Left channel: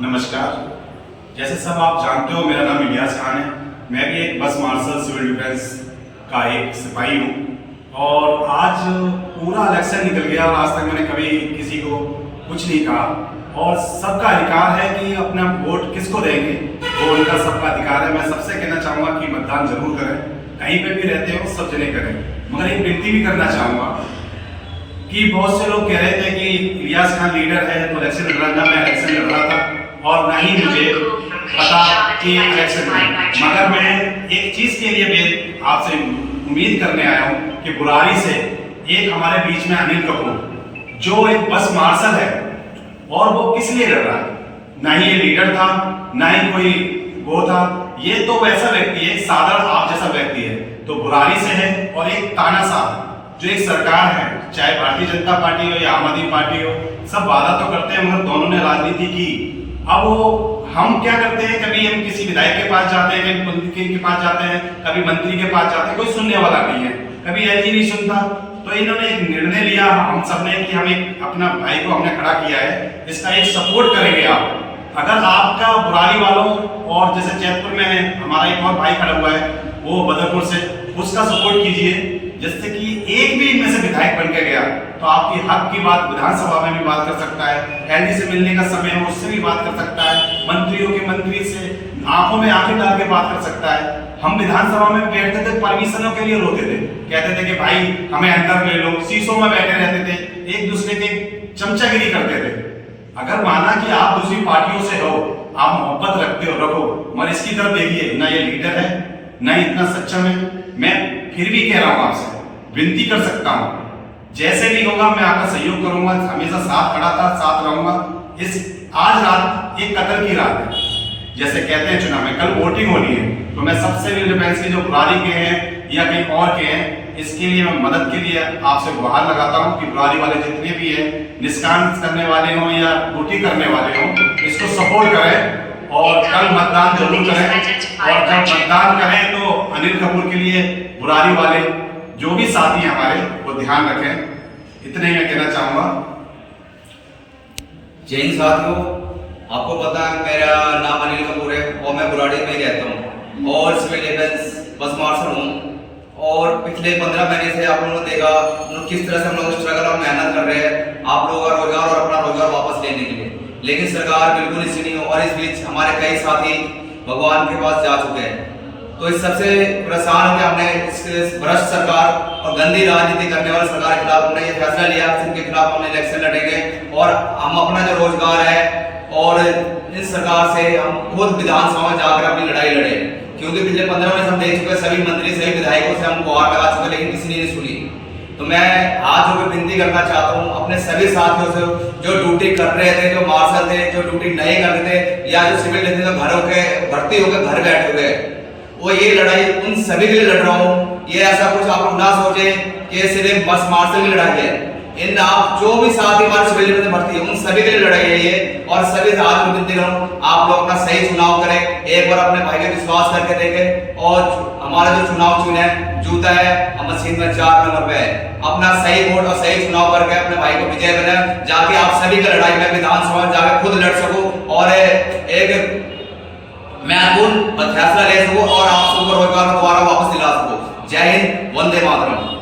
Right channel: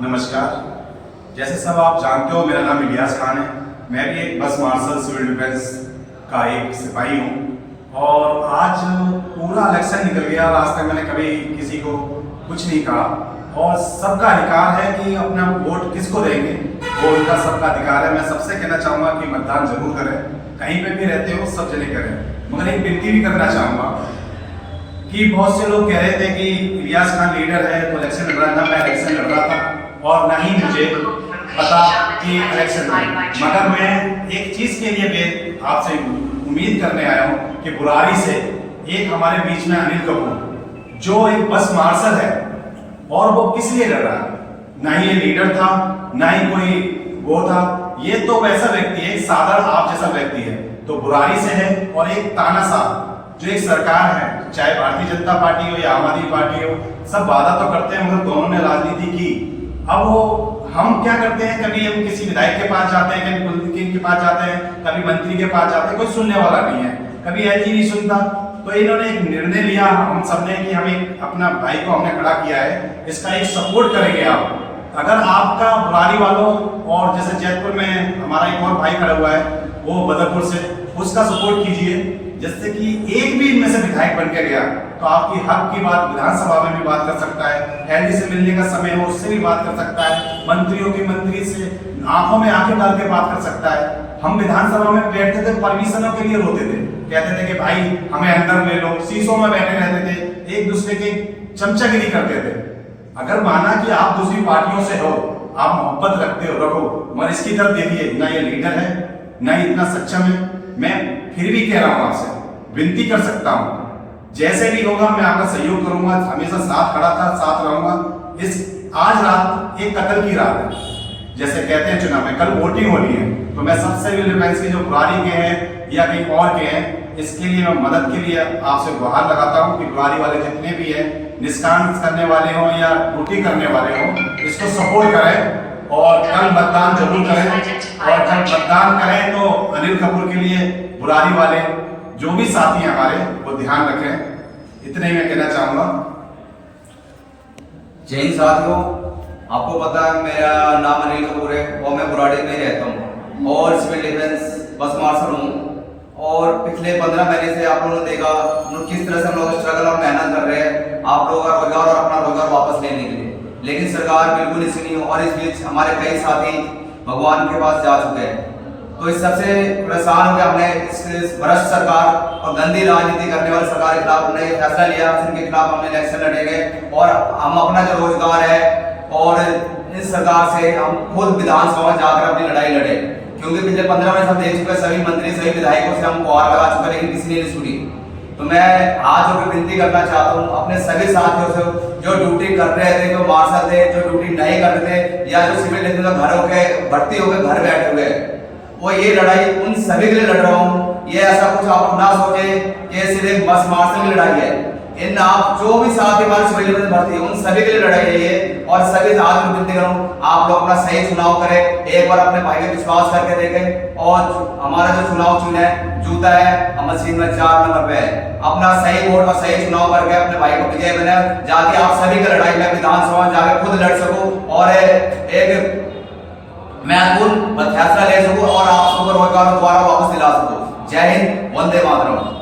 नमस्कार। जैसे सब आप जानते हो, मेरा नाम इलियास खान है। मैं भी एक बस मार्शल सिविल डिफेंस का एक सिपाही हूँ और आज पूरा इलेक्शन निकल गया और आज तक मैंने कभी किसी को कुछ नहीं कहा। और सबका अधिकार है कि अपना वोट किसको देंगे, वो उनका सबका अधिकार है। मैं सबसे कहना चाहूँगा कि मतदान जरूर करें, कहीं पे भी रहते हो सब जने करें। मगर एक विनती भी करना चाहूँगा कि बहुत से लोग कह रहे थे कि इलियास खान लीडर है तो इलेक्शन लड़ रहा। ना मैं इलेक्शन लड़ रहा था और ना ही मुझे पता कि इलेक्शन में, मगर मैं एक चीज के लिए भी आपसे उम्मीद करने आया हूँ कि बुरारी से एक हमारे बीच में अनिल कपूर जो एक बस मार्शल है और वो किस लिए लड़ रहा है। ना ही ये लीडर था, ना ही कोई वो था। ये तो वैसा व्यक्ति है, साधारण आप जैसा व्यक्ति है, तो बुरारी से है। और एक तानाशाह जो एक सरकार है, चाहे भारतीय जनता पार्टी हो या आम आदमी पार्टी हो, सब वादा तो करते हैं मगर दोनों ने राजनीति की। अब वो हम क्या करते हैं, कभी हम किसी विधायक के पास जाते हैं, कभी मंत्री के पास जाते हैं, कभी मंत्री के पास जाते हैं, कोई सुनने वाला नहीं है, कभी ऐसी नहीं सुनता। तो इन्होंने एक निर्णय लिया हम सबने कि हम एक अपना भाई को हमने खड़ा किया है, इसका एक सपोर्ट करेंगे आप। अगर आपका बुरारी वालों और जैसे जैतपुर में हमारा एक और भाई खड़ा हुआ है वो बदरपुर से, उसका सपोर्ट कीजिए। जिससे कि एक भी इनमें से विधायक बन के गया तो आपकी हक की बात विधानसभा में भी बात कर सकता है, एलडी से मिलने का समय हो उससे भी बात कर सकता है, मंत्रियों के मंत्री से आंखों में आंखें डाल के बात कर सकता है। हम विधानसभा में बैठते थे, परमिशनों के लिए रोते थे, कहते थे कि भाई हमें अंदर ले लो, शीशों में बैठे रहते थे, एक दूसरे के चमचागिरी करते थे। अगर माना कि आप दूसरी पार्टियों से हो, आप मोहब्बत रखते हो, रखो, मगर इसकी तरफ देखिए, ना ये लीडर है ना इतना सक्षम है। मैं फिर भी कह रहा हूं, आपसे विनती कर सकता हूं, जैसे भी होगा मैं आपका सहयोग करूंगा, हमेशा साथ खड़ा था, साथ रहूंगा। इस आज रात एक कत्ल की रात है, जैसे कहते हैं चुनाव में, कल वोटिंग होनी है, तो मैं सबसे डिफेंस के जो बुरारी के हैं या कहीं और के हैं, इसके लिए मैं मदद के लिए आपसे गुहार लगाता हूं कि बुरारी वाले जितने भी हैं, निष्काम करने वाले हों या ड्यूटी करने वाले हों, इसको सपोर्ट करें और कल मतदान जरूर करें। और जब मतदान करें तो अनिल कपूर के लिए बुरारी वाले जो भी साथी हैं हमारे वो ध्यान रखें। इतने ही मैं कहना चाहूंगा। जय हिंद साथियों, आपको पता है मेरा नाम अनिल कपूर है और मैं बुराड़ी में रहता हूँ और सिविल डिफेंस बस मार्शल हूँ। और पिछले 15 महीने से आप लोगों ने देखा किस तरह से हम लोग स्ट्रगल और मेहनत कर रहे हैं आप लोगों का रोजगार और अपना रोजगार वापस लेने के लिए, लेकिन सरकार बिल्कुल इसी नहीं हो। और इस बीच हमारे कई साथी भगवान के पास जा चुके हैं। तो इस सबसे परेशान होकर हमने इस भ्रष्ट सरकार और गंदी राजनीति करने वाली सरकार के खिलाफ हमने ये फैसला लिया, जिनके खिलाफ हमने इलेक्शन लड़ेंगे और हम अपना जो रोजगार है और इस सरकार से हम खुद विधानसभा में जाकर अपनी लड़ाई लड़े। क्योंकि पिछले 15 में हम देख चुके, सभी मंत्री सभी विधायकों से हम गुहार लगा चुके, लेकिन किसी ने नहीं सुनी। तो मैं आज जो विनती करना चाहता हूँ अपने सभी साथियों से जो ड्यूटी कर रहे थे, जो मार्शल थे, जो ड्यूटी नहीं कर रहे थे या जो सिविल डिफेंस में घरों के भर्ती होकर घर बैठे हुए, वो ये लड़ाई उन सभी के लिए लड़ रहा हूँ। ये ऐसा कुछ आप लोग ना सोचे कि सिर्फ बस मार्शल की लड़ाई है। इन आप जो भी साथी हमारे सिविल डिफेंस में भर्ती है उन सभी के लिए लड़ाई है ये। और सभी से आज विनती करूँ आप लोग अपना सही चुनाव करें, एक बार अपने भाई पे विश्वास करके देखें। और हमारा जो चुनाव चिन्ह है जूता है, अमर सिंह में 4 नंबर पे है। अपना सही वोट और सही चुनाव करके अपने भाई को विजय बना, जाके आप सभी का लड़ाई में विधानसभा जाके खुद लड़ सकूं और एक महत्वपूर्ण फैसला ले सकूं और आप सबको रोजगार दोबारा वापस दिला सकूं। जय हिंद, वंदे मातरम।